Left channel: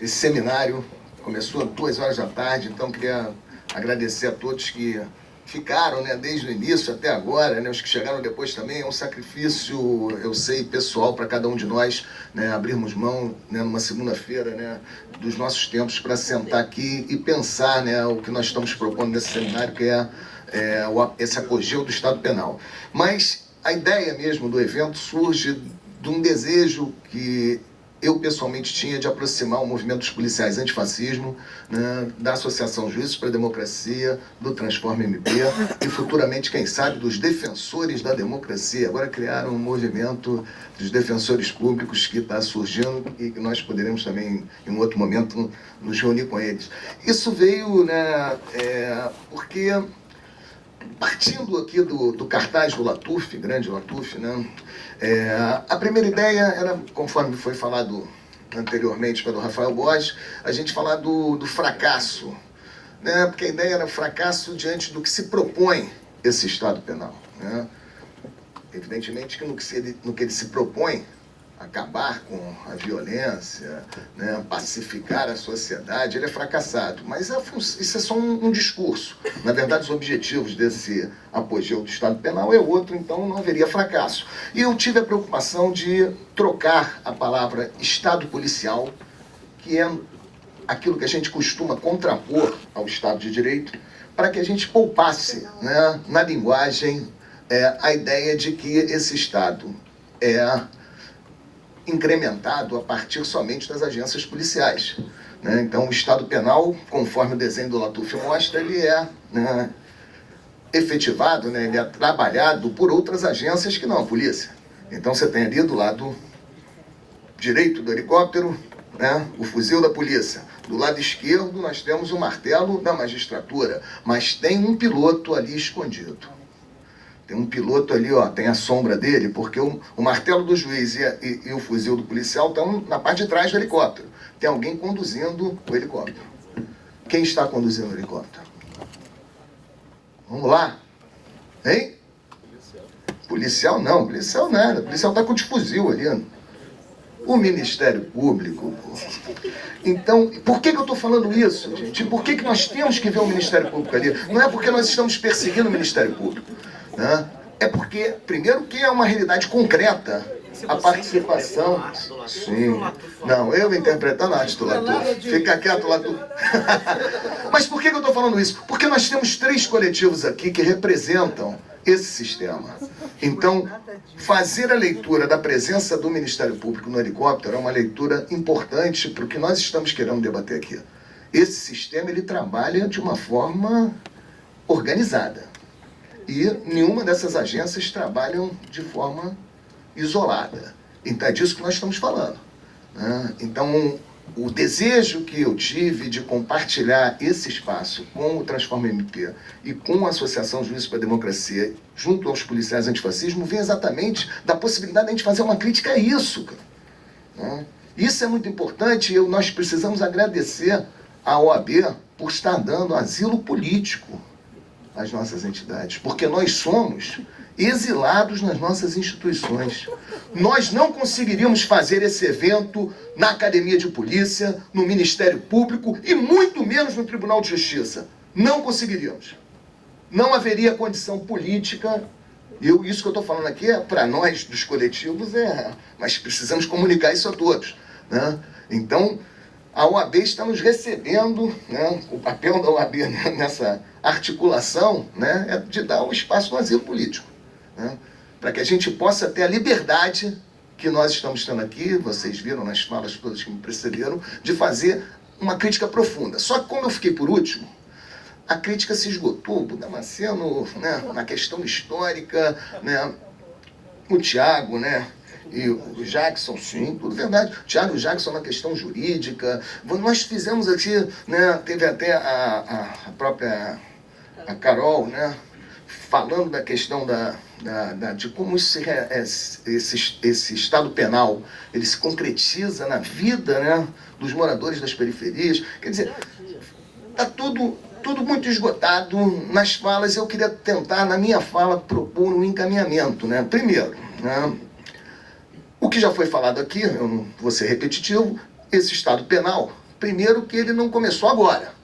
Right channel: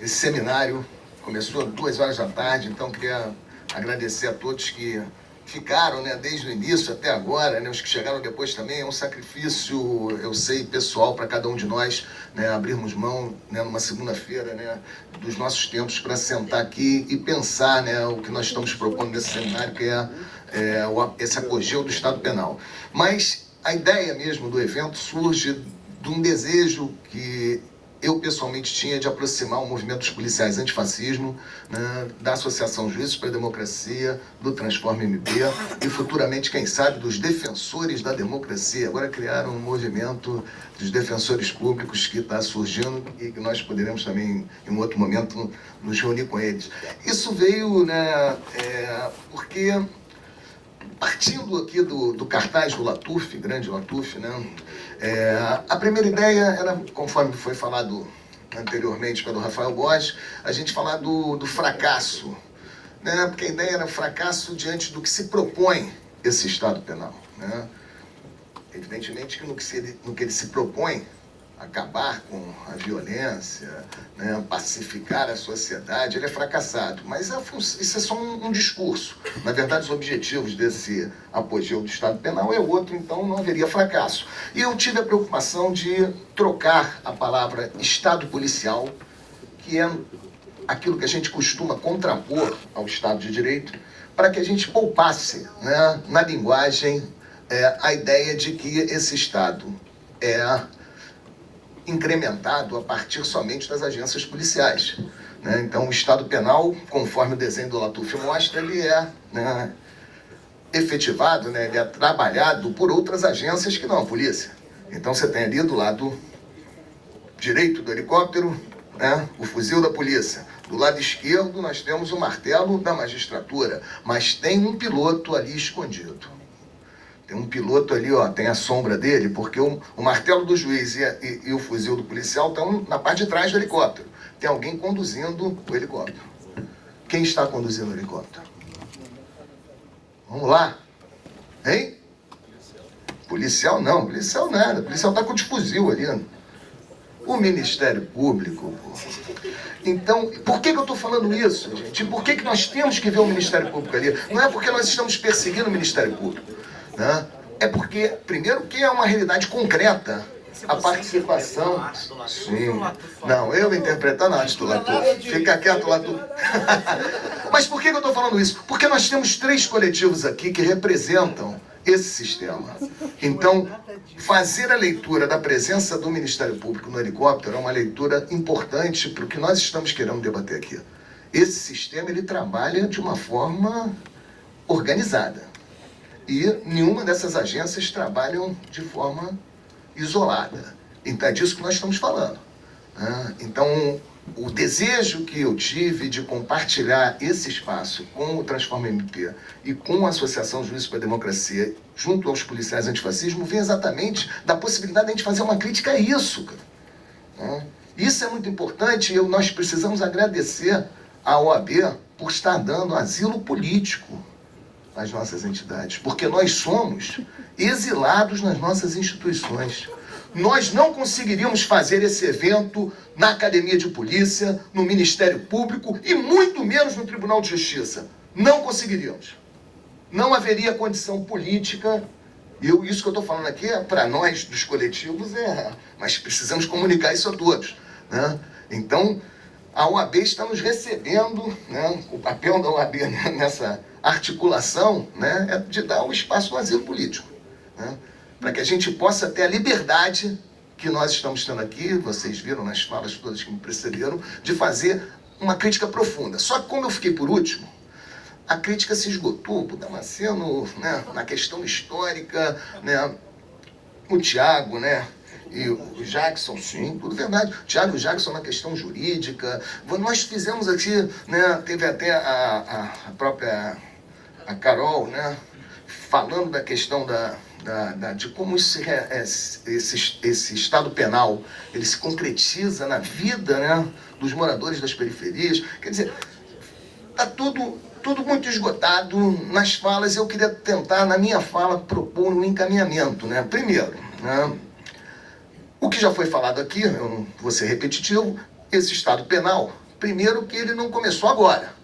Esse seminário começou às 2 horas da tarde, então queria agradecer a todos que ficaram, né, desde o início até agora, né, os que chegaram depois também. É um sacrifício, eu sei, pessoal para cada um de nós, né, abrirmos mão, né, numa segunda-feira, né, dos nossos tempos para sentar aqui e pensar, né, o que nós estamos propondo nesse seminário, que é esse apogeu do Estado Penal. Mas a ideia mesmo do evento surge de um desejo que eu pessoalmente tinha de aproximar o movimento dos policiais antifascismo, né, da Associação Juízes para a Democracia, do Transforma MP e futuramente, quem sabe, dos defensores da democracia. Agora criaram um movimento dos defensores públicos que está surgindo e que nós poderemos também, em um outro momento, nos reunir com eles. Isso veio, né, porque, partindo aqui do cartaz do Latuf, grande Latuf, né, a primeira ideia era, conforme foi falado anteriormente pelo Rafael Borges, a gente falar do fracasso, né, porque a ideia era fracasso diante do que se propõe esse Estado Penal, né. Evidentemente que no que ele se propõe, acabar com a violência, né, pacificar a sociedade, ele é fracassado. Mas isso é só um discurso. Na verdade, os objetivos desse apogeu do Estado Penal é outro, então não haveria fracasso. E eu tive a preocupação de trocar a palavra Estado policial, que é aquilo que a gente costuma contrapor ao Estado de Direito, para que a gente poupasse, né, na linguagem, a ideia de que esse Estado é incrementado a partir somente das agências policiais, né? Então, o Estado Penal, conforme o desenho do Latuf mostra, ele é, né, efetivado, né, ele é trabalhado por outras agências que não a polícia. Então, você tem ali do lado direito do helicóptero, né, o fuzil da polícia. Do lado esquerdo, nós temos o martelo da magistratura, mas tem um piloto ali escondido. Tem um piloto ali, ó, tem a sombra dele, porque o martelo do juiz e o fuzil do policial estão na parte de trás do helicóptero. Tem alguém conduzindo o helicóptero. Quem está conduzindo o helicóptero? Vamos lá. Hein? Policial não, policial nada. O policial está com o fuzil ali. O Ministério Público. Então, por que eu estou falando isso, gente? Por que nós temos que ver o Ministério Público ali? Não é porque nós estamos perseguindo o Ministério Público, né? É porque, primeiro, que é uma realidade concreta a participação. Sim. Não, eu interpretando a arte do Latuf. Fica quieto, Latuf. Mas por que eu estou falando isso? Porque nós temos 3 coletivos aqui que representam esse sistema. Então, fazer a leitura da presença do Ministério Público no helicóptero é uma leitura importante para o que nós estamos querendo debater aqui. Esse sistema, ele trabalha de uma forma organizada. E nenhuma dessas agências trabalham de forma isolada. Então é disso que nós estamos falando, né? Então, o desejo que eu tive de compartilhar esse espaço com o Transforma MP e com a Associação Juízes para a Democracia, junto aos policiais antifascismo, vem exatamente da possibilidade de a gente fazer uma crítica a isso, cara, né? Isso é muito importante e nós precisamos agradecer à OAB por estar dando asilo político às nossas entidades, porque nós somos exilados nas nossas instituições. Nós não conseguiríamos fazer esse evento na Academia de Polícia, no Ministério Público e muito menos no Tribunal de Justiça. Não conseguiríamos. Não haveria condição política. Isso que eu estou falando aqui é para nós, dos coletivos, mas precisamos comunicar isso a todos, né? Então, a OAB está nos recebendo, né? O papel da OAB nessa articulação, né, é de dar o espaço do asilo político, né, para que a gente possa ter a liberdade que nós estamos tendo aqui, vocês viram nas falas todas que me precederam, de fazer uma crítica profunda. Só que como eu fiquei por último, a crítica se esgotou, o Damasceno, né, na questão histórica, né, o Tiago, né, e o Jackson, sim, tudo verdade. O Thiago e o Jackson na questão jurídica. Nós fizemos aqui, né, teve até a própria a Carol, né, falando da questão de como esse Estado Penal ele se concretiza na vida, né, dos moradores das periferias. Quer dizer, está tudo muito esgotado nas falas. Eu queria tentar, na minha fala, propor um encaminhamento, né? Primeiro, né, o que já foi falado aqui, eu não vou ser repetitivo, esse Estado Penal Primeiro que ele não começou agora,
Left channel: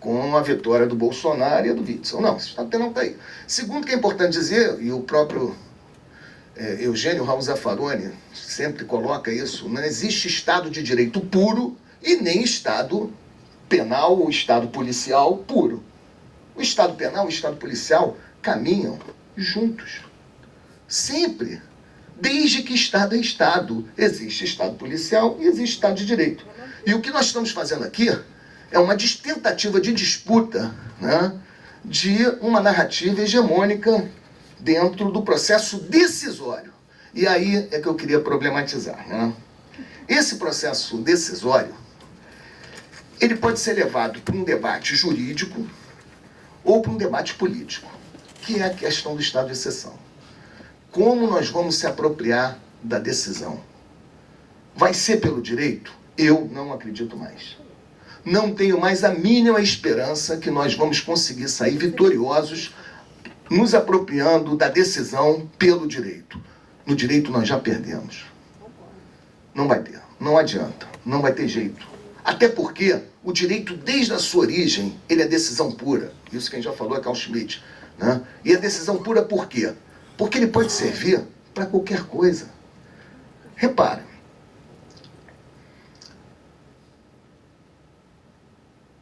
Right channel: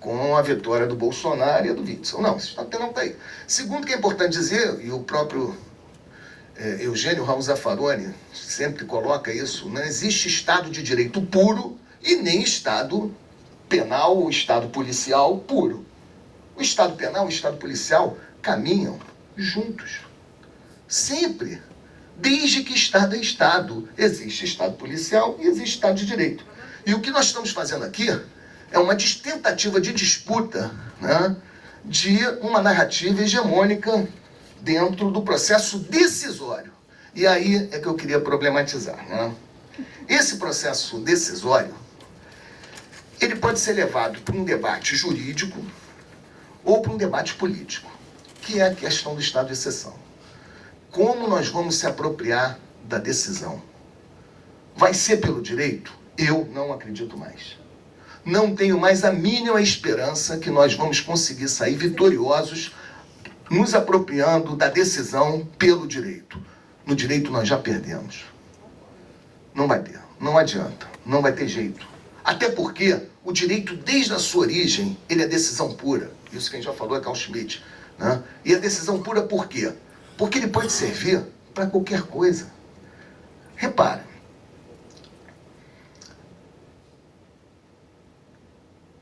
com a vitória do Bolsonaro e a do Witzel. Não, esse Estado Penal está aí. Segundo que é importante dizer, e o próprio Eugênio Raul Zaffaroni sempre coloca isso, não existe Estado de Direito puro e nem Estado penal ou Estado policial puro. O Estado penal e o Estado policial caminham juntos. Sempre. Desde que Estado é Estado. Existe Estado policial e existe Estado de Direito. E o que nós estamos fazendo aqui é uma tentativa de disputa, né, de uma narrativa hegemônica dentro do processo decisório. E aí é que eu queria problematizar. Né? Esse processo decisório, ele pode ser levado para um debate jurídico ou para um debate político, que é a questão do estado de exceção. Como nós vamos se apropriar da decisão? Vai ser pelo direito? Eu não acredito mais. Não tenho mais a mínima esperança que nós vamos conseguir sair vitoriosos nos apropriando da decisão pelo direito. No direito nós já perdemos. Não vai ter, não adianta, não vai ter jeito. Até porque o direito, desde a sua origem, ele é decisão pura. Isso quem já falou é Carl Schmitt. Né? E a decisão pura por quê? Porque ele pode servir para qualquer coisa. Repara.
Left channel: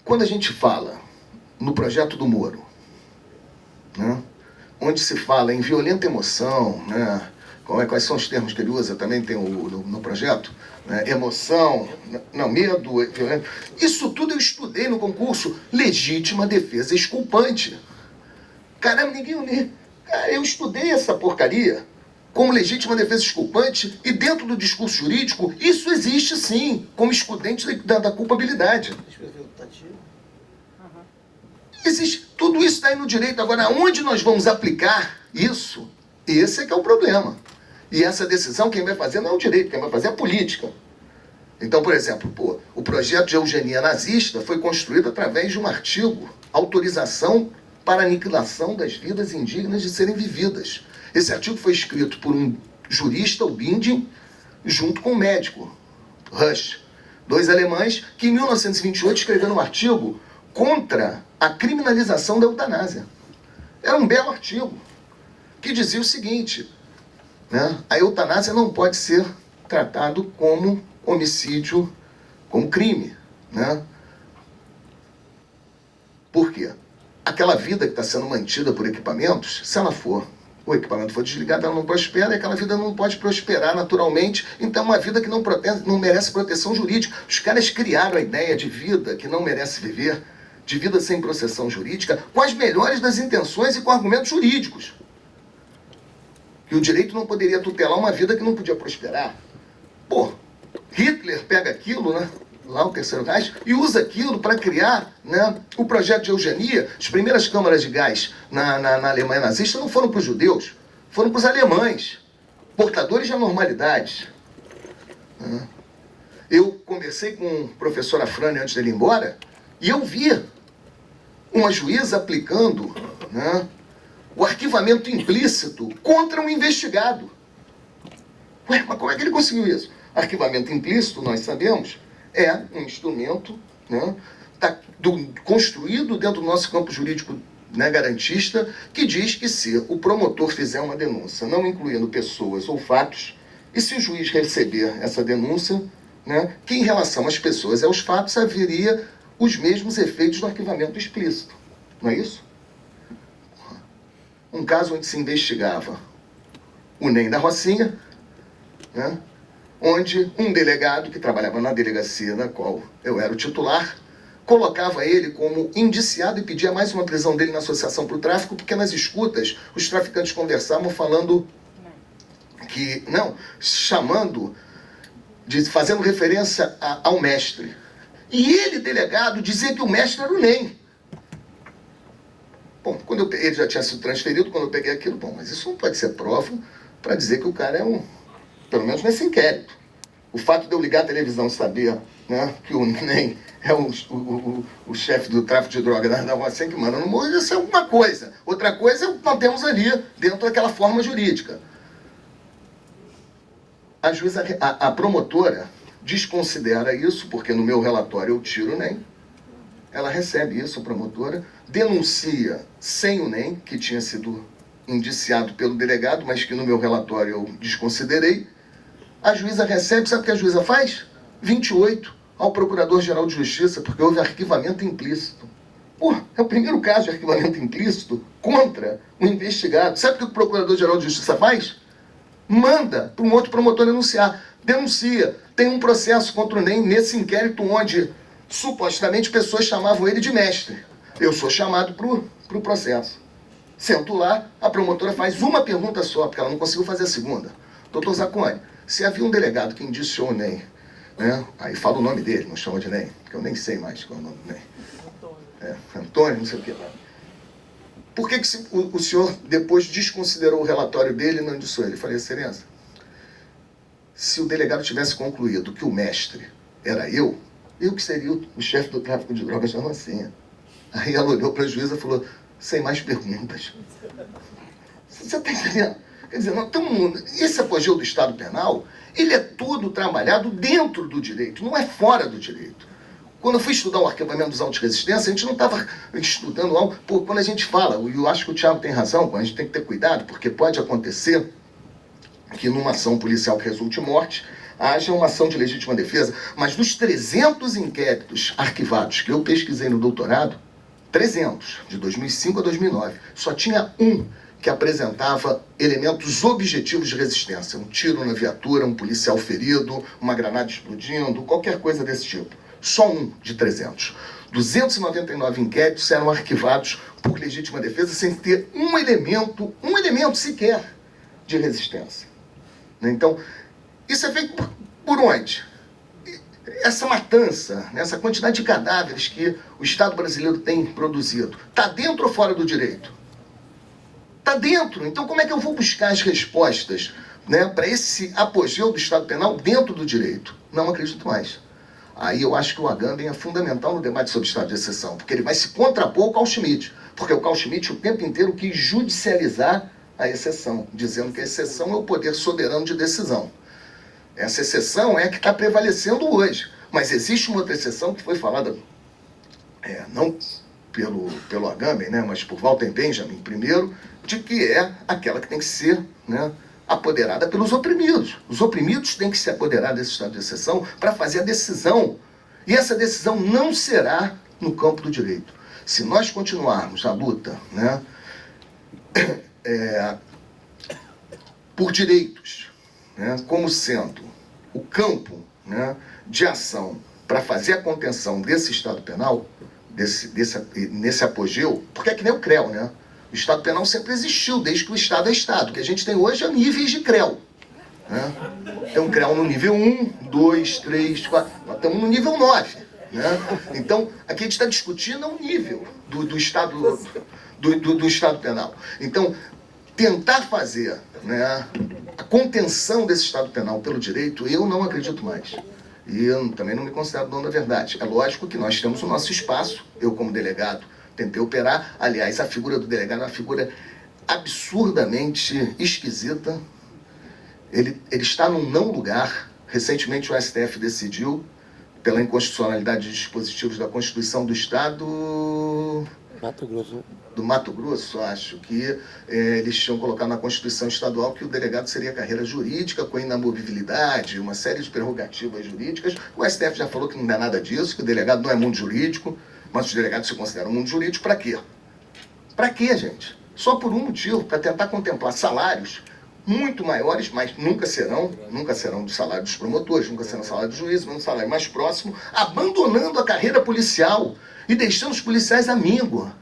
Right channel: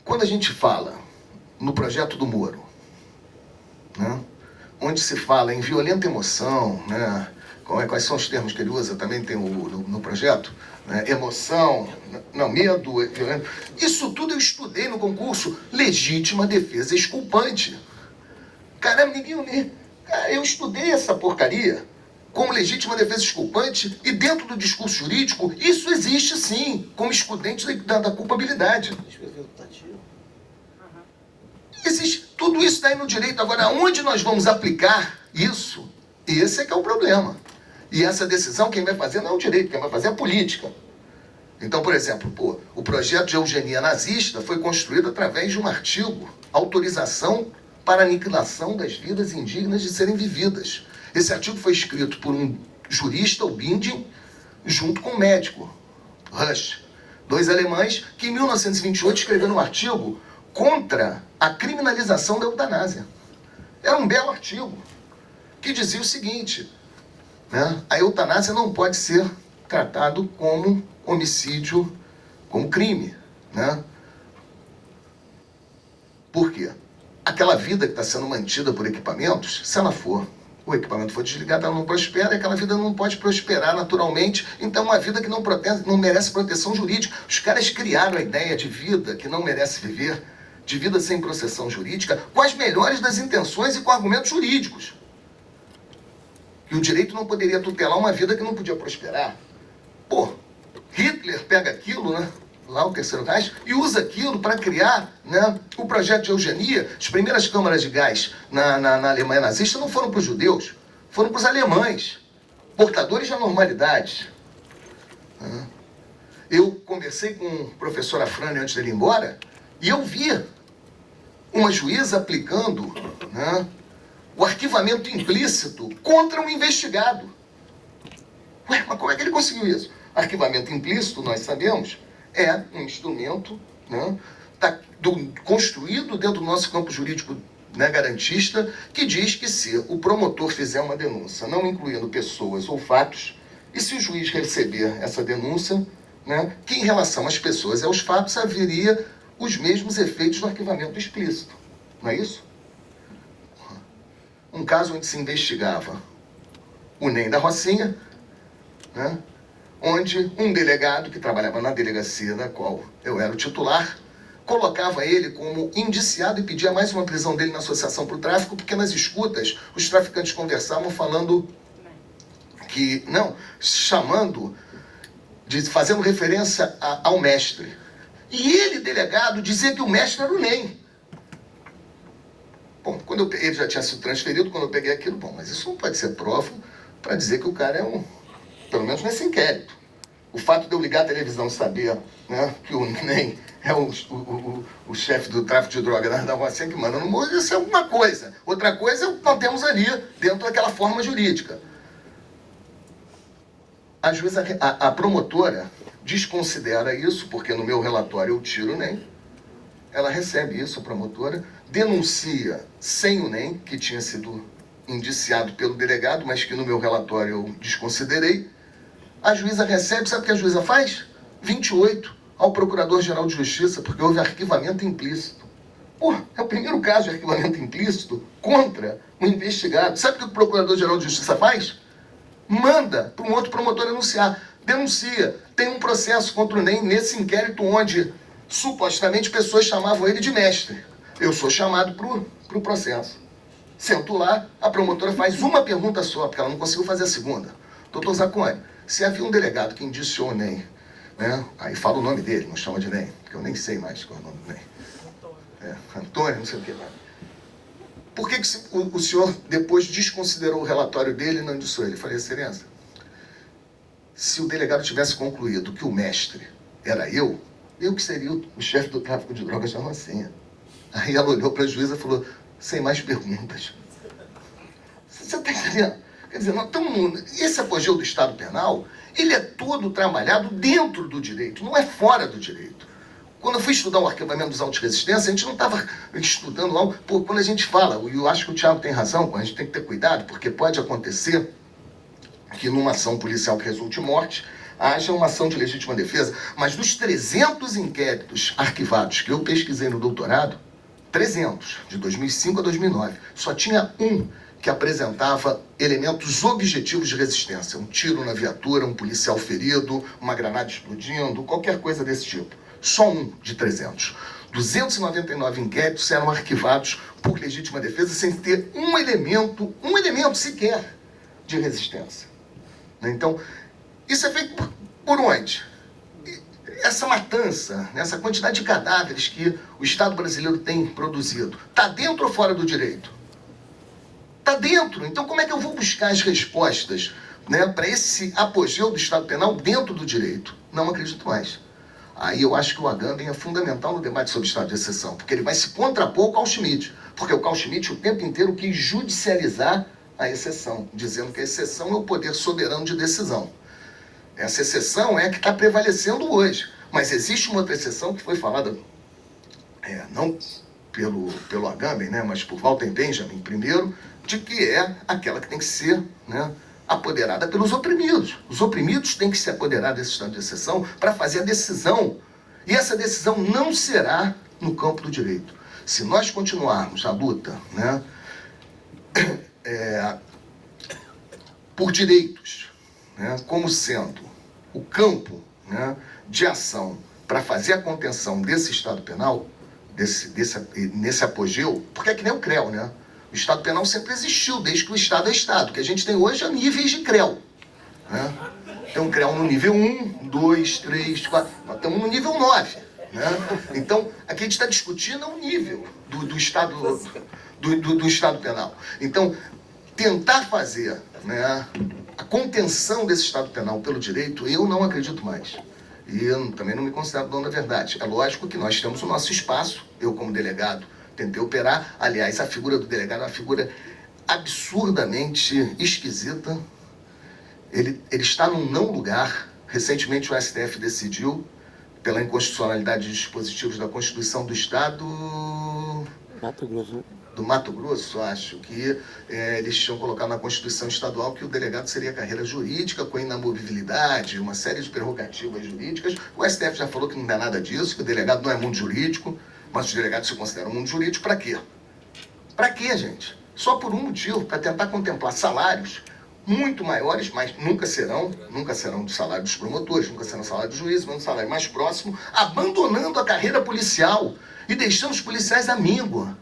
Quando a gente fala no projeto do Moro, né, onde se fala em violenta emoção, né, quais são os termos que ele usa, também tem no projeto, né, emoção, não, medo, violento. Isso tudo eu estudei no concurso, legítima defesa exculpante. Caramba, eu estudei essa porcaria como legítima defesa exculpante e dentro do discurso jurídico isso existe sim, como excludente da culpabilidade. Existe tudo isso daí no direito. Agora, onde nós vamos aplicar isso? Esse é que é o problema. E essa decisão quem vai fazer não é o direito, quem vai fazer é a política. Então, por exemplo, o projeto de eugenia nazista foi construído através de um artigo, autorização para aniquilação das vidas indignas de serem vividas. Esse artigo foi escrito por um jurista, o Binding, junto com um médico, Rush, dois alemães, que em 1928 escreveram um artigo contra a criminalização da eutanásia. Era um belo artigo, que dizia o seguinte, né, a eutanásia não pode ser tratado como homicídio, como crime. Né? Por quê? Aquela vida que está sendo mantida por equipamentos, se o equipamento for desligado, ela não prospera, e aquela vida não pode prosperar naturalmente, então é uma vida que não merece proteção jurídica. Os caras criaram a ideia de vida que não merece viver, de vida sem proteção jurídica, com as melhores das intenções e com argumentos jurídicos. E o direito não poderia tutelar uma vida que não podia prosperar. Hitler pega aquilo, né, lá o Terceiro Reich, e usa aquilo para criar, né, o projeto de eugenia. As primeiras câmaras de gás na Alemanha nazista não foram para os judeus, foram para os alemães, portadores de anormalidades. Eu conversei com o professor Afrani antes dele ir embora, e eu vi uma juíza aplicando, né, o arquivamento implícito contra um investigado. Ué, mas como é que ele conseguiu isso? Arquivamento implícito, nós sabemos, é um instrumento, né, construído dentro do nosso campo jurídico, né, garantista, que diz que se o promotor fizer uma denúncia, não incluindo pessoas ou fatos, e se o juiz receber essa denúncia, né, que em relação às pessoas e aos fatos haveria os mesmos efeitos do arquivamento explícito. Não é isso? Um caso onde se investigava o NEM da Rocinha, né, onde um delegado que trabalhava na delegacia da qual eu era o titular, colocava ele como indiciado e pedia mais uma prisão dele na associação para o tráfico, porque nas escutas os traficantes conversavam falando que, fazendo referência ao mestre. E ele, delegado, dizia que o mestre era o NEM. Bom, ele já tinha sido transferido, quando eu peguei aquilo, mas isso não pode ser prova para dizer que o cara é pelo menos nesse inquérito. O fato de eu ligar a televisão e saber, né, que o NEM é o chefe do tráfico de droga da Rocinha que manda no morro, isso é alguma coisa. Outra coisa é o que nós temos ali, dentro daquela forma jurídica. A promotora desconsidera isso, porque no meu relatório eu tiro o NEM. Ela recebe isso, a promotora, denuncia sem o NEM, que tinha sido indiciado pelo delegado, mas que no meu relatório eu desconsiderei. A juíza recebe, sabe o que a juíza faz? 28 ao Procurador-Geral de Justiça, porque houve arquivamento implícito. Porra, é o primeiro caso de arquivamento implícito contra o investigado. Sabe o que o Procurador-Geral de Justiça faz? Manda para um outro promotor denunciar. Denuncia. Tem um processo contra o NEM nesse inquérito onde supostamente pessoas chamavam ele de mestre. Eu sou chamado para o processo. Sento lá, a promotora faz uma pergunta só, porque ela não conseguiu fazer a segunda. Doutor Zacconi, se havia um delegado que indiciou o NEM, né? Aí fala o nome dele, não chama de NEM, porque eu nem sei mais qual é o nome do NEM. Antônio, não sei o que lá. Por que o senhor depois desconsiderou o relatório dele e não indiciou ele? Eu falei, excelência, se o delegado tivesse concluído que o mestre era eu que seria o chefe do tráfico de drogas da Rocinha. Aí ela olhou para a juíza e falou, sem mais perguntas. Você está entendendo? Quer dizer, nós estamos, esse apogeu do Estado Penal, ele é todo trabalhado dentro do direito, não é fora do direito. Quando eu fui estudar o arquivamento dos autos de resistência, a gente não estava estudando algo... Pô, quando a gente fala, eu acho que o Thiago tem razão, a gente tem que ter cuidado, porque pode acontecer que numa ação policial que resulte em morte, haja uma ação de legítima defesa, mas dos 300 inquéritos arquivados que eu pesquisei no doutorado, 300, de 2005 a 2009, só tinha um que apresentava elementos objetivos de resistência. Um tiro na viatura, um policial ferido, uma granada explodindo, qualquer coisa desse tipo. Só um de 300. 299 inquéritos eram arquivados por legítima defesa sem ter um elemento sequer de resistência. Então, isso é feito por onde? Essa matança, essa quantidade de cadáveres que o Estado brasileiro tem produzido, está dentro ou fora do direito? Está dentro. Então, como é que eu vou buscar as respostas, né, para esse apogeu do Estado Penal dentro do direito? Não acredito mais. Aí eu acho que o Agamben é fundamental no debate sobre Estado de exceção, porque ele vai se contrapor ao Carl Schmitt, porque o Carl Schmitt o tempo inteiro quis judicializar a exceção, dizendo que a exceção é o poder soberano de decisão. Essa exceção é a que está prevalecendo hoje. Mas existe uma outra exceção que foi falada, não pelo Agamben, né, mas por Walter Benjamin primeiro, de que é aquela que tem que ser, né, apoderada pelos oprimidos. Os oprimidos têm que se apoderar desse estado de exceção para fazer a decisão. E essa decisão não será no campo do direito. Se nós continuarmos a luta, né, por direitos, né, como sendo o campo, né, de ação para fazer a contenção desse Estado Penal, nesse apogeu, porque é que nem o CREL, né? O Estado Penal sempre existiu, desde que o Estado é Estado. O que a gente tem hoje é níveis de CREL. Né? Tem um CREL no nível 1, 2, 3, 4, nós estamos no nível 9. Né? Então, aqui a gente está discutindo o nível do Estado Penal. Então, tentar fazer, né, a contenção desse Estado Penal pelo direito, eu não acredito mais. E eu também não me considero dono da verdade. É lógico que nós temos o nosso espaço, eu como delegado tentei operar. Aliás, a figura do delegado é uma figura absurdamente esquisita. Ele está num não lugar. Recentemente o STF decidiu, pela inconstitucionalidade de dispositivos da Constituição do Estado... Mato Grosso. Do Mato Grosso, acho que eles tinham colocado na Constituição Estadual que o delegado seria carreira jurídica, com inamovibilidade, uma série de prerrogativas jurídicas. O STF já falou que não é nada disso, que o delegado não é mundo jurídico, mas os delegados se consideram mundo jurídico para quê? Para quê, gente? Só por um motivo, para tentar contemplar salários muito maiores, mas nunca serão do salário dos promotores, nunca serão salário dos juízes, mas um salário mais próximo, abandonando a carreira policial e deixando os policiais à míngua.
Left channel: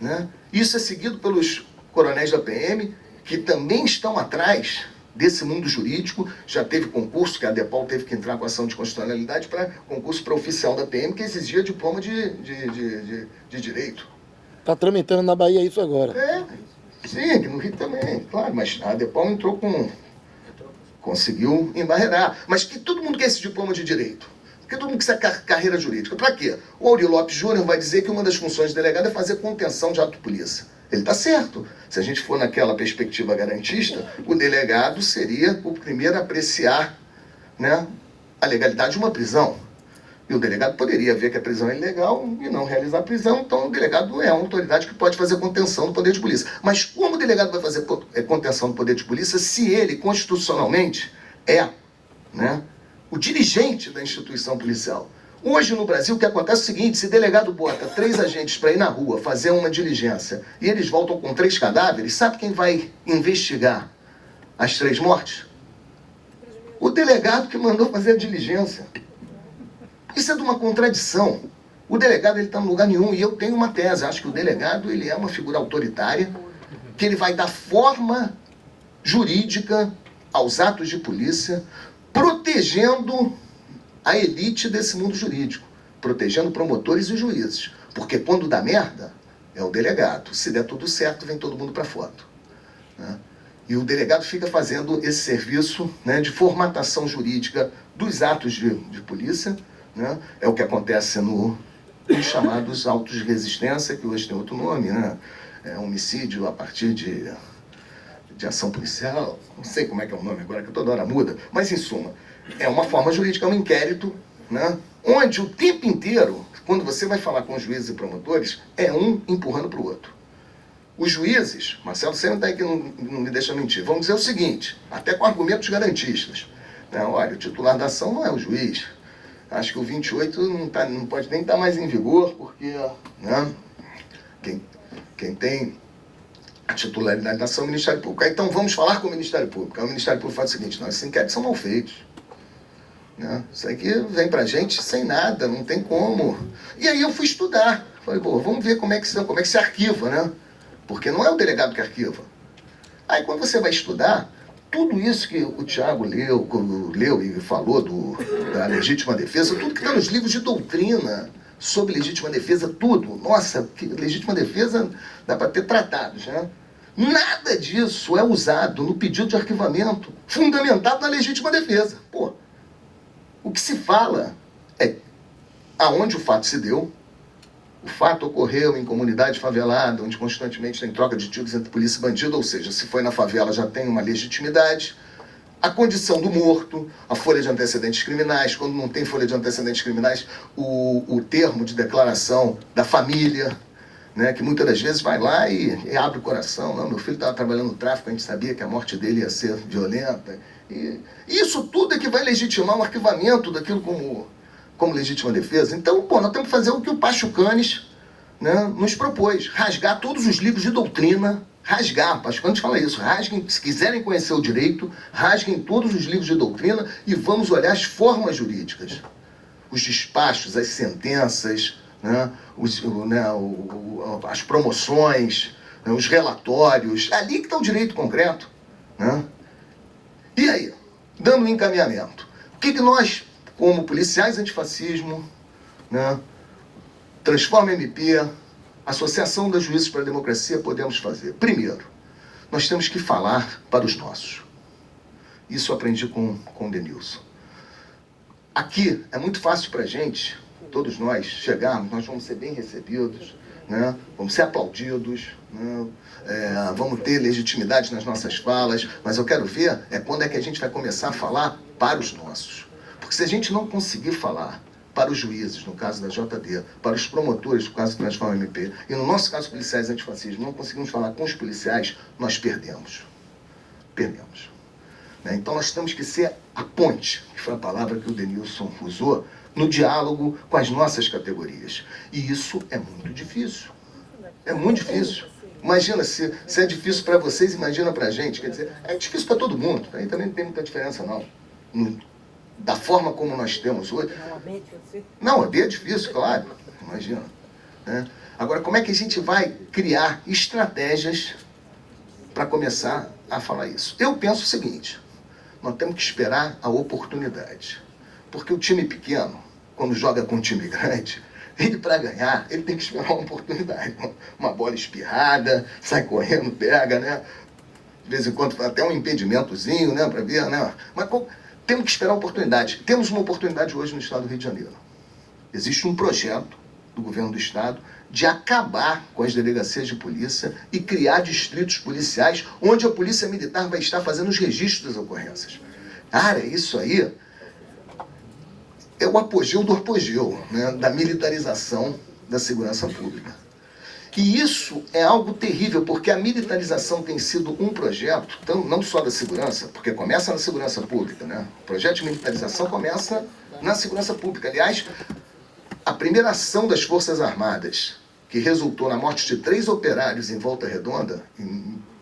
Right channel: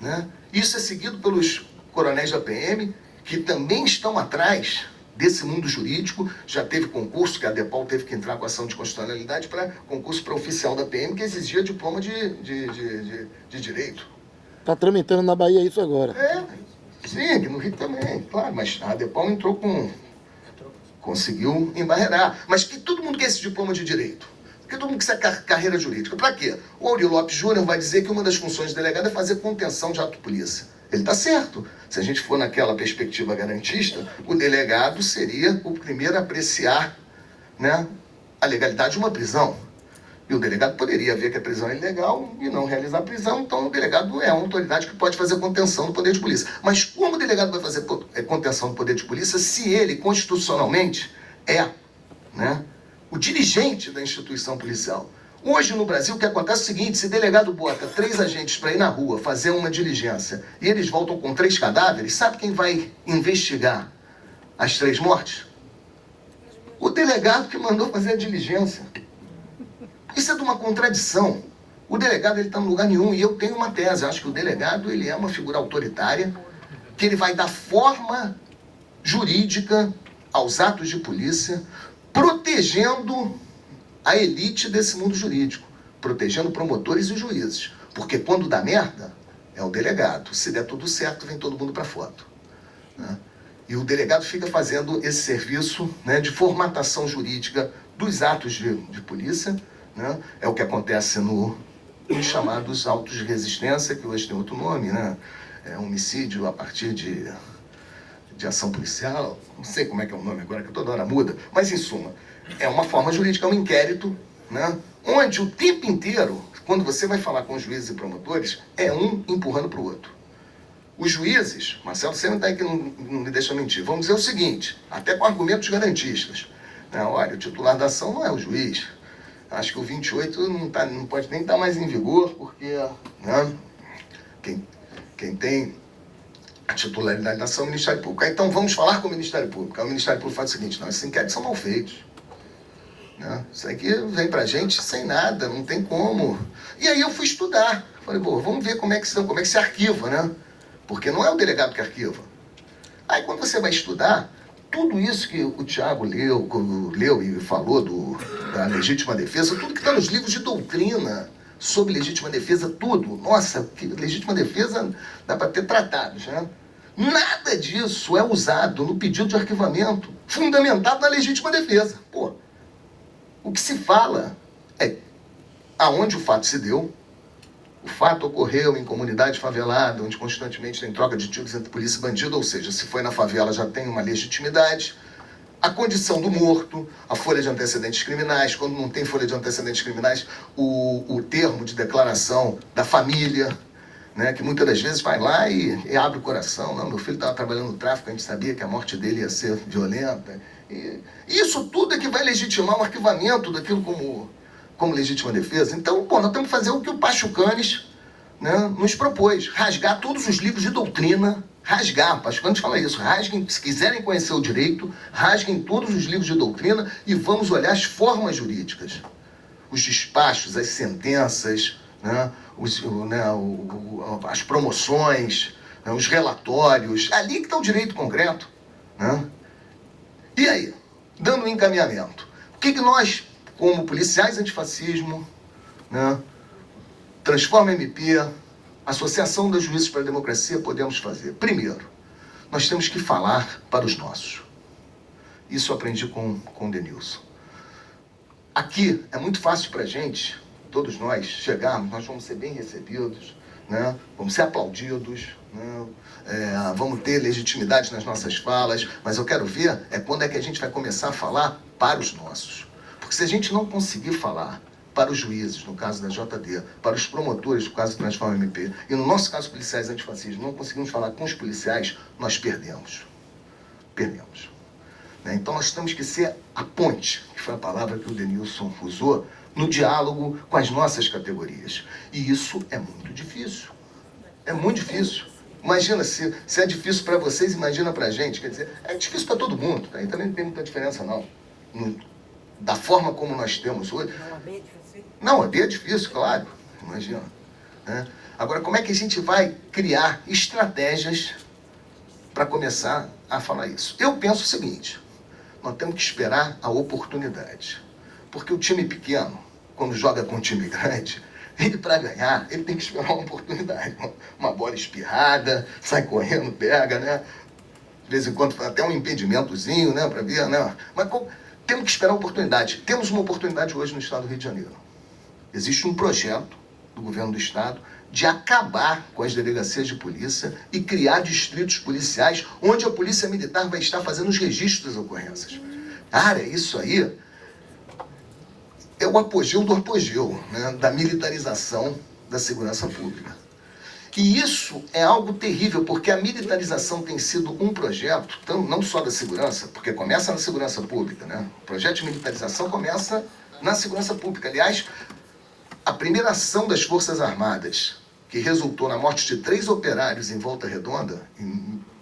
Né? Isso é seguido pelos coronéis da PM, que também estão atrás desse mundo jurídico. Já teve concurso, que a DEPOL teve que entrar com ação de constitucionalidade para concurso para oficial da PM, que exigia diploma de direito. Está tramitando na Bahia isso agora. Sim, no Rio também, claro, mas a DEPOL entrou conseguiu embarrear. Mas que todo mundo quer esse diploma de direito. Porque todo mundo quer carreira jurídica. Para quê? O Aurélio Lopes Júnior vai dizer que uma das funções do delegado é fazer contenção de ato de polícia. Ele está certo. Se a gente for naquela perspectiva garantista, o delegado seria o primeiro a apreciar, né, a legalidade de uma prisão. E o delegado poderia ver que a prisão é ilegal e não realizar a prisão, então o delegado é uma autoridade que pode fazer contenção do poder de polícia. Mas como o delegado vai fazer contenção do poder de polícia se ele, constitucionalmente, é, né, o dirigente da instituição policial? Hoje no Brasil o que acontece é o seguinte: se o delegado bota 3 agentes para ir na rua fazer uma diligência e eles voltam com 3 cadáveres, sabe quem vai investigar as 3 mortes? O delegado que mandou fazer a diligência. Isso é de uma contradição. O delegado está em lugar nenhum, e eu tenho uma tese. Eu acho que o delegado ele é uma figura autoritária, que ele vai dar forma jurídica aos atos de polícia, protegendo a elite desse mundo jurídico, protegendo promotores e juízes. Porque quando dá merda, é o delegado. Se der tudo certo, vem todo mundo para foto, né? E o delegado fica fazendo esse serviço, né, de formatação jurídica dos atos de polícia, né? É o que acontece nos chamados autos de resistência, que hoje tem outro nome, né? É homicídio a partir de ação policial, não sei como é que é o nome agora, que toda hora muda, mas em suma, é uma forma jurídica, é um inquérito, né? Onde o tempo inteiro, quando você vai falar com os juízes e promotores, é um empurrando para o outro. Os juízes, Marcelo, você não está aí que não me deixa mentir, vamos dizer o seguinte, até com argumentos garantistas, né? Olha, o titular da ação não é o juiz. Acho que o 28 não pode nem estar mais em vigor, porque, né, quem tem a titularidade da ação é o Ministério Público. Então vamos falar com o Ministério Público. Aí o Ministério Público faz o seguinte: não, esses inquéritos são mal feitos, né? Isso aqui vem pra gente sem nada, não tem como. E aí eu fui estudar. Falei, pô, vamos ver como é que se arquiva, né? Porque não é o delegado que arquiva. Aí quando você vai estudar, tudo isso que o Thiago leu e falou da legítima defesa, tudo que está nos livros de doutrina sobre legítima defesa, tudo. Nossa, que legítima defesa dá para ter tratados, né? Nada disso é usado no pedido de arquivamento fundamentado na legítima defesa. Pô, o que se fala é aonde o fato se deu. O fato ocorreu em comunidade favelada, onde constantemente tem troca de tiros entre polícia e bandido, ou seja, se foi na favela já tem uma legitimidade. A condição do morto, a folha de antecedentes criminais, quando não tem folha de antecedentes criminais, o termo de declaração da família, né, que muitas das vezes vai lá e abre o coração. Não, meu filho estava trabalhando no tráfico, a gente sabia que a morte dele ia ser violenta. E isso tudo é que vai legitimar um arquivamento daquilo como legítima defesa. Então, pô, nós temos que fazer o que o Pachucanes, né, nos propôs: rasgar todos os livros de doutrina, rasgar, o Pachucanes fala isso, rasguem, se quiserem conhecer o direito, rasguem todos os livros de doutrina e vamos olhar as formas jurídicas, os despachos, as sentenças, né, as promoções, né, os relatórios, é ali que está o direito concreto, né? E aí, dando um encaminhamento, o que nós, como policiais antifascismo, né, Transforma MP, Associação das Juízes para a Democracia, podemos fazer? Primeiro, nós temos que falar para os nossos. Isso eu aprendi com o Denilson. Aqui é muito fácil para a gente, todos nós, chegarmos, nós vamos ser bem recebidos, né? Vamos ser aplaudidos, né? Vamos ter legitimidade nas nossas falas, mas eu quero ver quando é que a gente vai começar a falar para os nossos. Porque se a gente não conseguir falar para os juízes, no caso da JD, para os promotores, no caso do Transforma MP, e no nosso caso policiais antifascistas, não conseguimos falar com os policiais, nós perdemos. Perdemos. Então nós temos que ser a ponte, que foi a palavra que o Denilson usou, no diálogo com as nossas categorias. E isso é muito difícil. É muito difícil. Imagina, se é difícil para vocês, imagina para a gente. Quer dizer, é difícil para todo mundo. Aí também não tem muita diferença, não. Da forma como nós temos hoje. Não, é bem difícil, claro. Imagina. Né? Agora, como é que a gente vai criar estratégias para começar a falar isso? Eu penso o seguinte: nós temos que esperar a oportunidade. Porque o time pequeno, quando joga com um time grande, ele, para ganhar, ele tem que esperar uma oportunidade. Uma bola espirrada, sai correndo, pega, né? De vez em quando até um impedimentozinho, né? Para ver, né? Mas temos que esperar a oportunidade. Temos uma oportunidade hoje no estado do Rio de Janeiro. Existe um projeto do governo do estado de acabar com as delegacias de polícia e criar distritos policiais onde a polícia militar vai estar fazendo os registros das ocorrências. Cara, isso aí é o apogeu do apogeu, né, da militarização da segurança pública. E isso é algo terrível, porque a militarização tem sido um projeto, não só da segurança, porque começa na segurança pública, né? O projeto de militarização começa na segurança pública. Aliás, a primeira ação das Forças Armadas, que resultou na morte de 3 operários em Volta Redonda,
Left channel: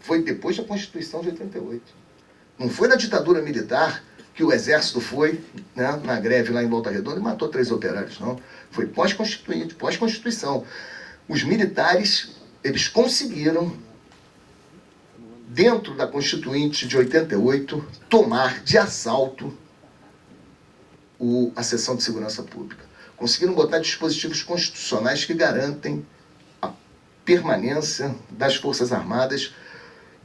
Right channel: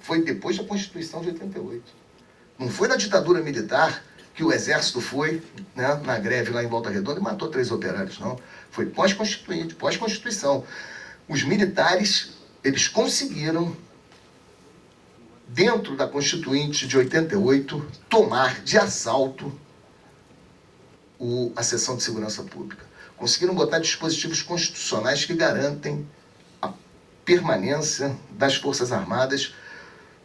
foi depois da Constituição de 88. Não foi na ditadura militar que o Exército foi, né, na greve lá em Volta Redonda e matou 3 operários, não. Foi pós-constituinte, pós-Constituição. Os militares, eles conseguiram, dentro da Constituinte de 88, tomar de assalto a seção de segurança pública. Conseguiram botar dispositivos constitucionais que garantem a permanência das Forças Armadas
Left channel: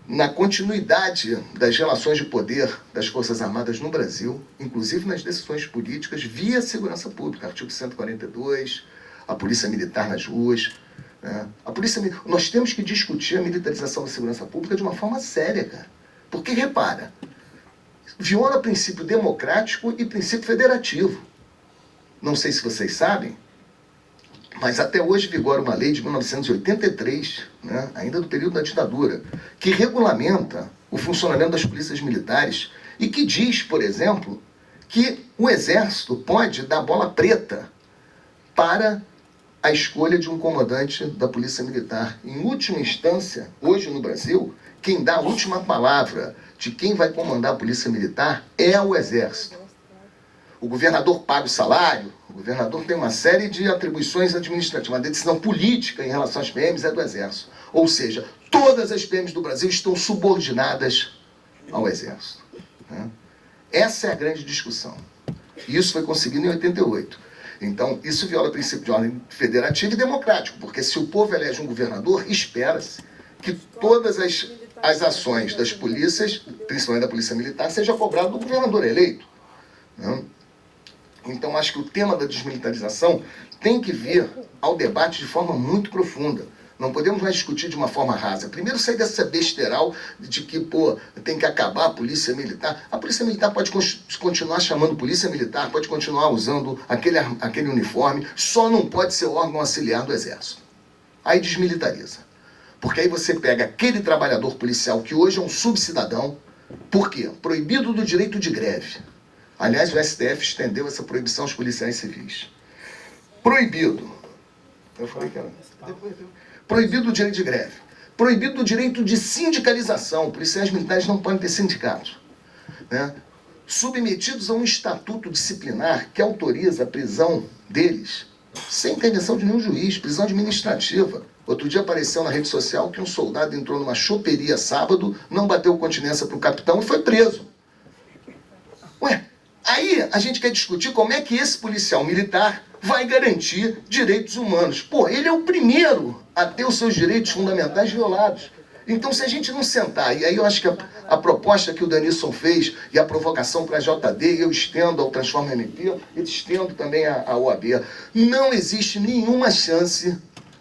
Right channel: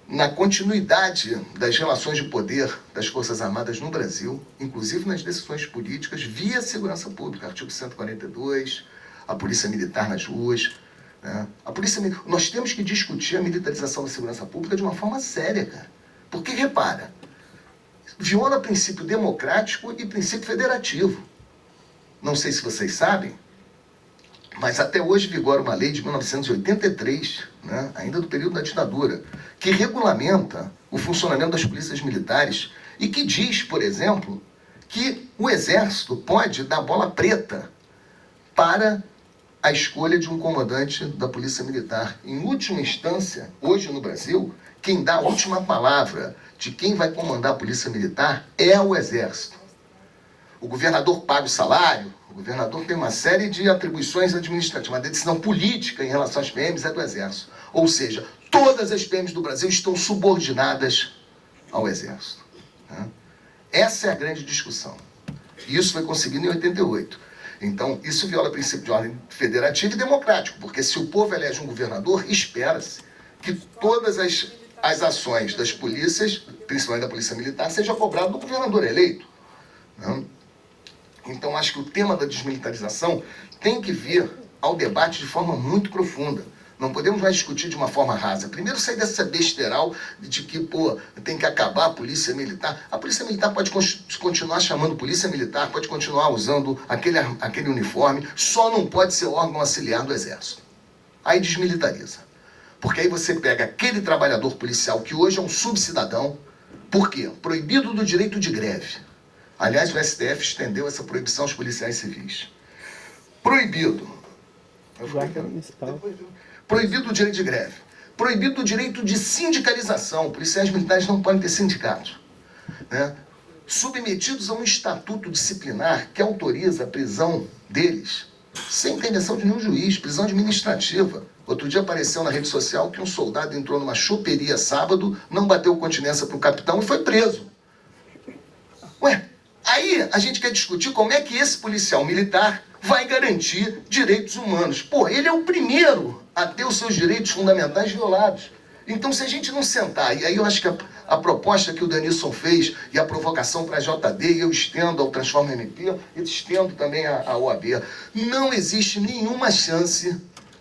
na continuidade das relações de poder das Forças Armadas no Brasil, inclusive nas decisões políticas, via segurança pública, artigo 142, a polícia militar nas ruas. Né? Nós temos que discutir a militarização da segurança pública de uma forma séria, cara. Porque, repara, viola princípio democrático e princípio federativo. Não sei se vocês sabem, mas até hoje vigora uma lei de 1983, né, ainda do período da ditadura, que regulamenta o funcionamento das polícias militares e que diz, por exemplo, que o Exército pode dar bola preta para a escolha de um comandante da Polícia Militar. Em última instância, hoje no Brasil, quem dá a última palavra de quem vai comandar a Polícia Militar é o Exército. O governador paga o salário, o governador tem uma série de atribuições administrativas, mas a decisão política em relação às PMs é do Exército. Ou seja, todas as PMs do Brasil estão subordinadas ao Exército. Né? Essa é a grande discussão. E isso foi conseguido em 88. Então, isso viola o princípio de ordem federativa e democrático, porque se o povo elege um governador, espera-se que todas as ações das polícias, principalmente da Polícia Militar, sejam cobradas do governador eleito. Né? Então, acho que o tema da desmilitarização tem que vir ao debate de forma muito profunda. Não podemos mais discutir de uma forma rasa. Primeiro, sair dessa besteiral de que, tem que acabar a Polícia Militar. A Polícia Militar pode continuar chamando Polícia Militar, pode continuar usando aquele uniforme, só não pode ser órgão auxiliar do Exército. Aí desmilitariza. Porque aí você pega aquele trabalhador policial que hoje é um subcidadão. Por quê? Proibido do direito de greve. Aliás, o STF estendeu essa proibição aos policiais civis. Proibido. Eu falei que era... Proibido o direito de greve. Proibido o direito de sindicalização. Policiais militares não podem ter sindicatos. Né? Submetidos a um estatuto disciplinar que autoriza a prisão deles sem intervenção de nenhum juiz, prisão administrativa. Outro dia apareceu na rede social que um soldado entrou numa choperia sábado, não bateu continência para o capitão e foi preso. Ué, aí a gente quer discutir como é que esse policial militar vai garantir direitos humanos. Pô, ele é o primeiro a ter os seus direitos fundamentais violados. Então, se a gente não sentar, e aí eu acho que a proposta que o Danilson fez e a provocação para a JD, eu estendo ao Transforma MP, eu estendo também à OAB, não existe nenhuma chance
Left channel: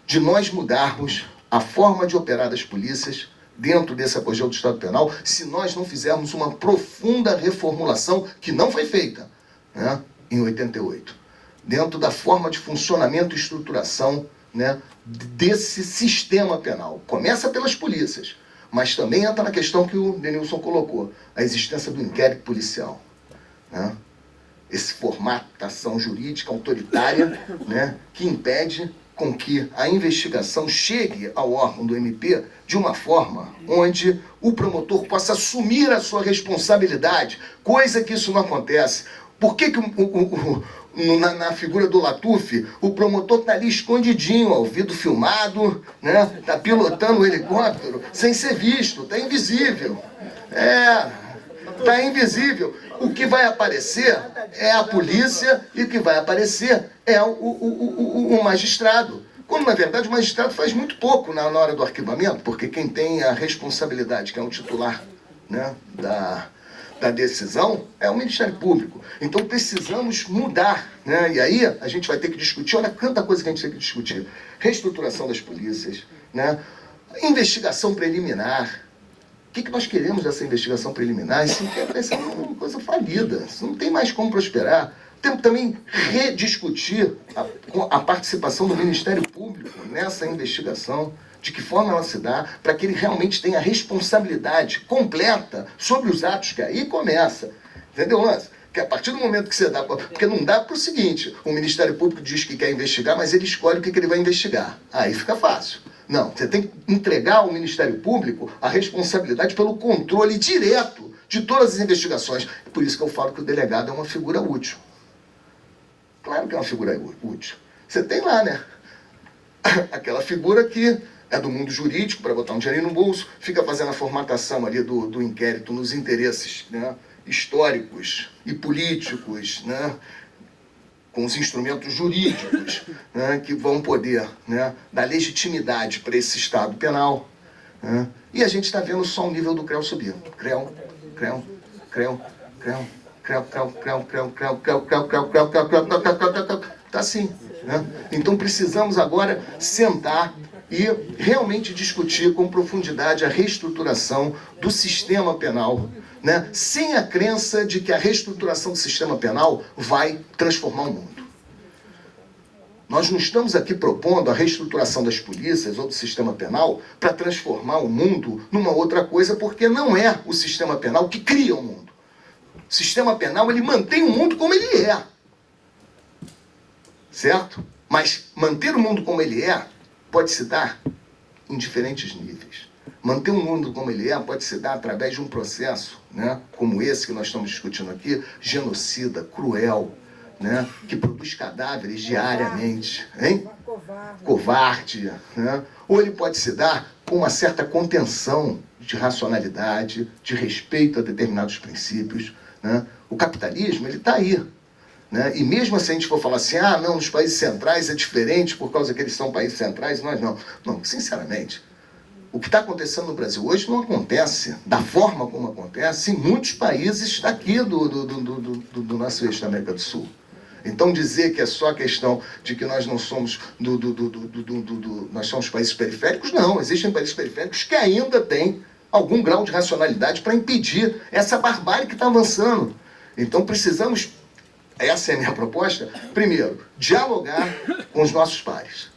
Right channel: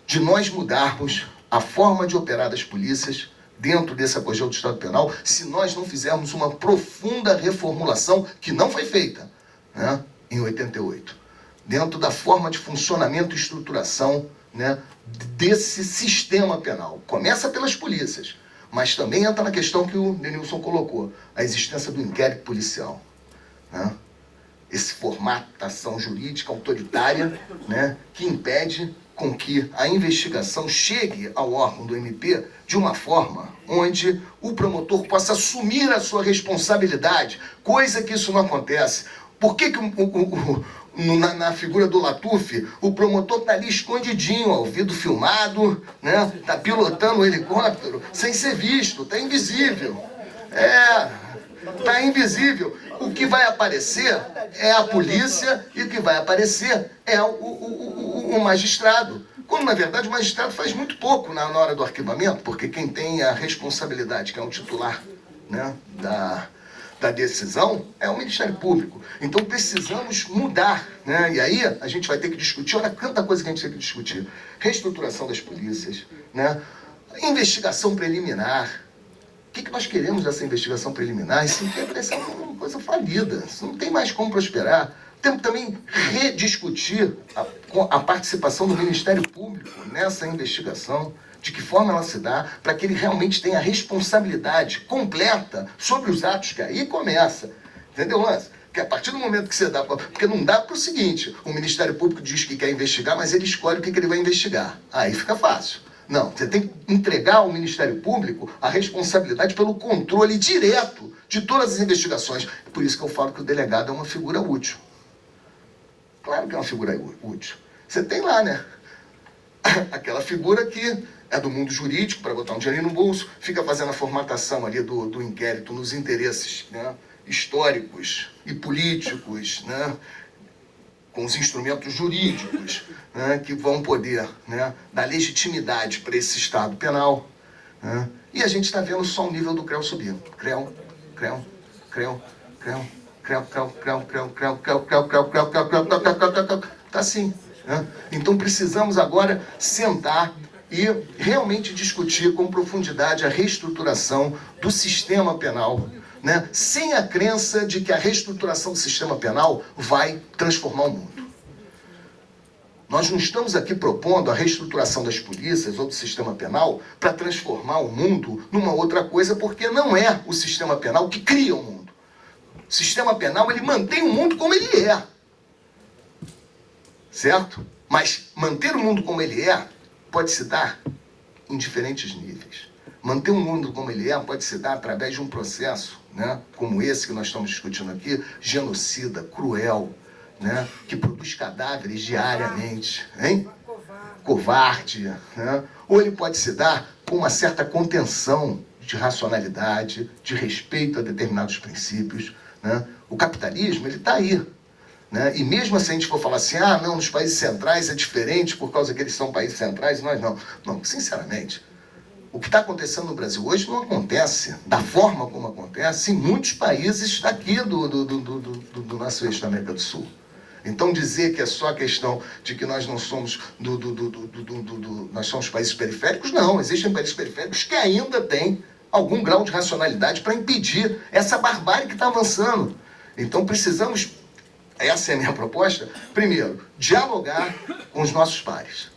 de nós mudarmos a forma de operar das polícias dentro desse apogeu do Estado Penal se nós não fizermos uma profunda reformulação que não foi feita, né, em 88. Dentro da forma de funcionamento e estruturação, né, desse sistema penal. Começa pelas polícias, mas também entra na questão que o Denilson colocou, a existência do inquérito policial. Né? Esse formatação jurídica autoritária, né, que impede com que a investigação chegue ao órgão do MP de uma forma onde o promotor possa assumir a sua responsabilidade, coisa que isso não acontece. Por que na figura do Latuf, o promotor está ali escondidinho, ao ouvido filmado, né? Está pilotando o helicóptero sem ser visto, está invisível. Está invisível. O que vai aparecer é a polícia e o que vai aparecer é o magistrado. Quando, na verdade, o magistrado faz muito pouco na hora do arquivamento, porque quem tem a responsabilidade, que é o titular, né, da decisão, é o Ministério Público. Então precisamos mudar, né? E aí a gente vai ter que discutir, olha quanta coisa que a gente tem que discutir. Reestruturação das polícias, né? Investigação preliminar. O que nós queremos dessa investigação preliminar? Isso parece uma coisa falida. Isso não tem mais como prosperar. Temos também rediscutir a participação do Ministério Público nessa investigação, de que forma ela se dá, para que ele realmente tenha responsabilidade completa sobre os atos que aí começa. Entendeu, Lance? Que a partir do momento que você dá... Porque não dá para o seguinte, o Ministério Público diz que quer investigar, mas ele escolhe o que ele vai investigar. Aí fica fácil. Não, você tem que entregar ao Ministério Público a responsabilidade pelo controle direto de todas as investigações. É por isso que eu falo que o delegado é uma figura útil. Claro que é uma figura útil. Você tem lá, né? Aquela figura que é do mundo jurídico, para botar um dinheirinho no bolso, fica fazendo a formatação ali do inquérito nos interesses, né, históricos e políticos, né, com os instrumentos jurídicos, né, que vão poder, né, dar legitimidade para esse Estado penal. Né, e a gente está vendo só o nível do CREU subir. CREU. Está assim. Né? Então precisamos agora sentar e realmente discutir com profundidade a reestruturação do sistema penal, né? Sem a crença de que a reestruturação do sistema penal vai transformar o mundo. Nós não estamos aqui propondo a reestruturação das polícias ou do sistema penal para transformar o mundo numa outra coisa, porque não é o sistema penal que cria o mundo. O sistema penal, ele mantém o mundo como ele é. Certo? Mas manter o mundo como ele é pode se dar em diferentes níveis. Manter o mundo como ele é pode se dar através de um processo, né, como esse que nós estamos discutindo aqui, genocida, cruel, né, que produz cadáveres diariamente. Hein? Covarde. Né? Ou ele pode se dar com uma certa contenção de racionalidade, de respeito a determinados princípios. Né? O capitalismo, ele está aí. Né? E mesmo assim a gente for falar assim, ah, não, nos países centrais é diferente por causa que eles são países centrais, nós não. Não, sinceramente, o que está acontecendo no Brasil hoje não acontece da forma como acontece em muitos países daqui do nosso eixo da América do Sul. Então dizer que é só questão de que nós não somos nós somos países periféricos, não. Existem países periféricos que ainda têm algum grau de racionalidade para impedir essa barbárie que está avançando. Então precisamos, essa é a minha proposta, primeiro, dialogar com os nossos pares.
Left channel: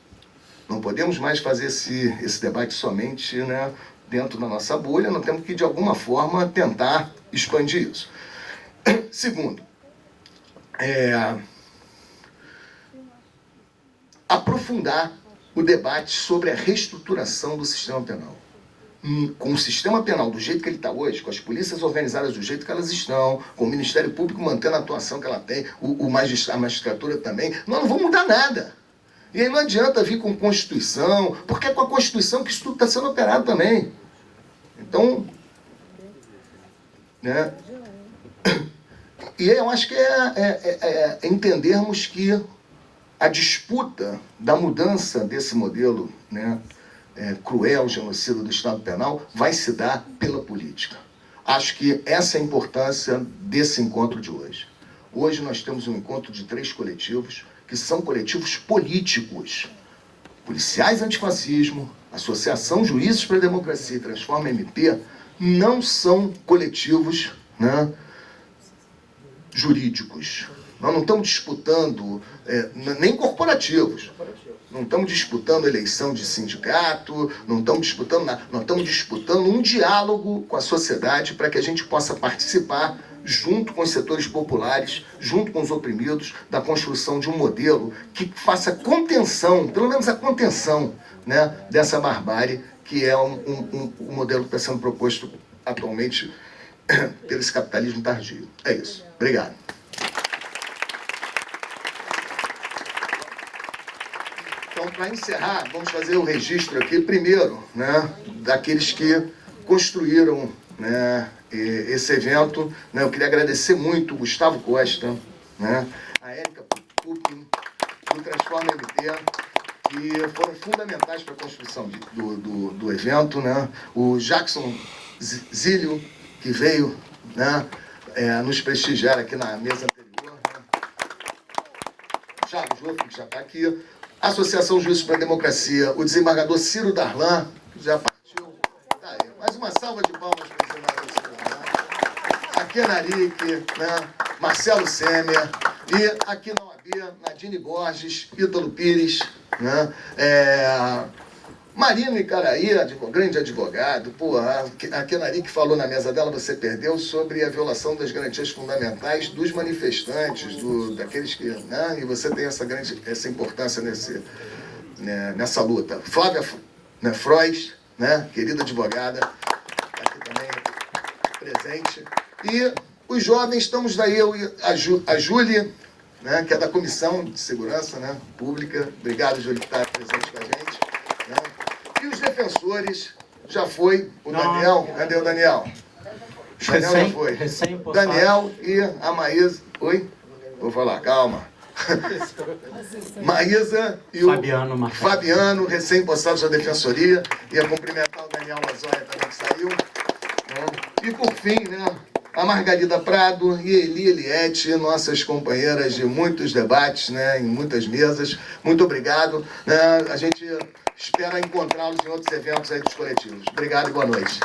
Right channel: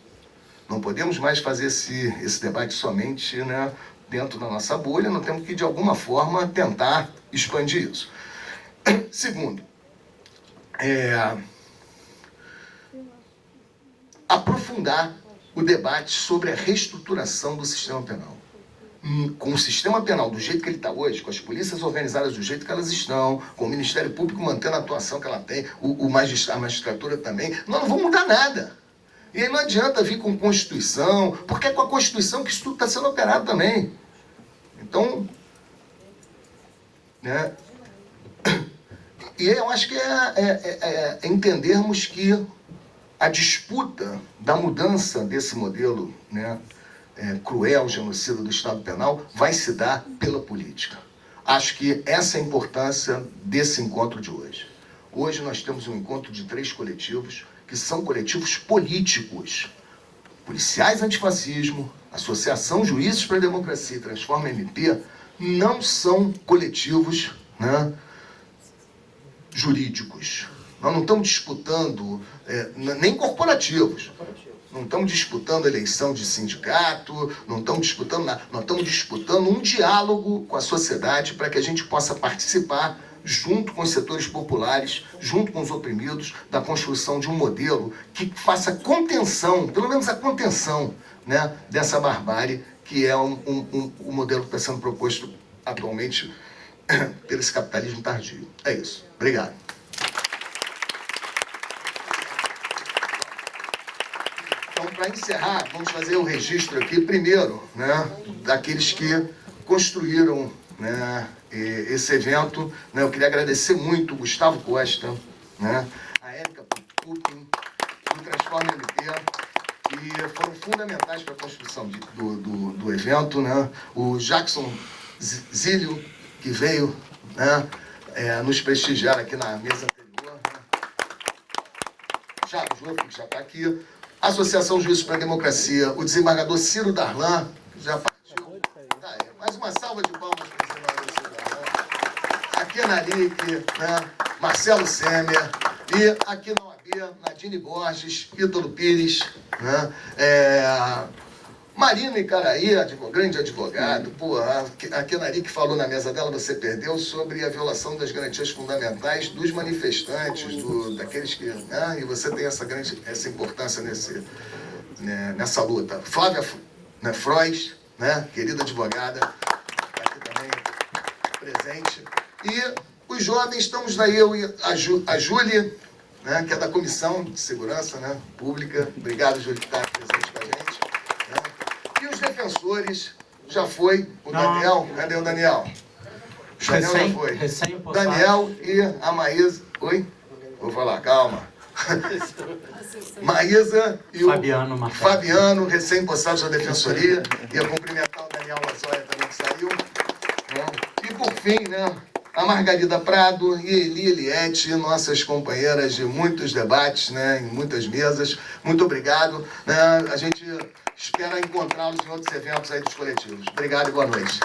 Não podemos mais fazer esse debate somente, né, dentro da nossa bolha, nós temos que, de alguma forma, tentar expandir isso. Segundo, aprofundar o debate sobre a reestruturação do sistema penal. Com o sistema penal do jeito que ele está hoje, com as polícias organizadas do jeito que elas estão, com o Ministério Público mantendo a atuação que ela tem, a magistratura também, nós não vamos mudar nada. E aí não adianta vir com Constituição, porque é com a Constituição que isso tudo está sendo operado também. Então, né? E eu acho que é entendermos que a disputa da mudança desse modelo, né, cruel, genocida do Estado Penal, vai se dar pela política. Acho que essa é a importância desse encontro de hoje. Hoje nós temos um encontro de 3 coletivos, que são coletivos políticos. Policiais Antifascismo, Associação Juízes para a Democracia e Transforma MP, não são coletivos, né, jurídicos. Nós não estamos disputando, nem corporativos. Não estamos disputando eleição de sindicato, não estamos disputando nada. Nós estamos disputando um diálogo com a sociedade para que a gente possa participar, junto com os setores populares, junto com os oprimidos, da construção de um modelo que faça contenção, pelo menos a contenção, né, dessa barbárie, que é um modelo que está sendo proposto atualmente pelo esse capitalismo tardio. É isso. Obrigado. Então, para encerrar, vamos fazer o registro aqui, primeiro, né, daqueles que construíram, né, esse evento. Né, eu queria agradecer muito o Gustavo Costa, né, a Érica Puckin, do Transforma MT, que foram fundamentais para a construção do evento. Né, o Jackson Zílio, que veio, né, nos prestigiar aqui na mesa anterior. Né, Thiago Joffre, que já está aqui. Associação Juízes para a Democracia, o desembargador Ciro Darlan, que já partiu. Tá aí. Mais uma salva de palmas para o desembargador Ciro Darlan. Aqui Narique, né? Marcelo Semer, E aqui na OAB, Nadine Borges, Ítalo Pires, né? Marina Icaraí, grande advogado, a Kenari que falou na mesa dela, você perdeu, sobre a violação das garantias fundamentais dos manifestantes, daqueles que... Né? E você tem essa importância nessa luta. Flávia, né, Frois, né, querida advogada, aqui também presente. E os jovens, estamos daí, eu e a Júlia, né, que é da Comissão de Segurança, né, Pública. Obrigado, Júlia, por estar presente com a gente. Né? E os defensores, já foi o Daniel. Cadê o Daniel? O Daniel já foi. Daniel e a Maísa. Oi? Vou falar, calma. Maísa e o Fabiano, recém-possados da Defensoria. Ia cumprimentar o Daniel Lazoia também, que saiu. Né? E por fim, né, a Margarida Prado e Eli Eliette, nossas companheiras de muitos debates, né, em muitas mesas. Muito obrigado. Né? A gente espera encontrá-los em outros eventos aí dos coletivos. Obrigado e boa noite.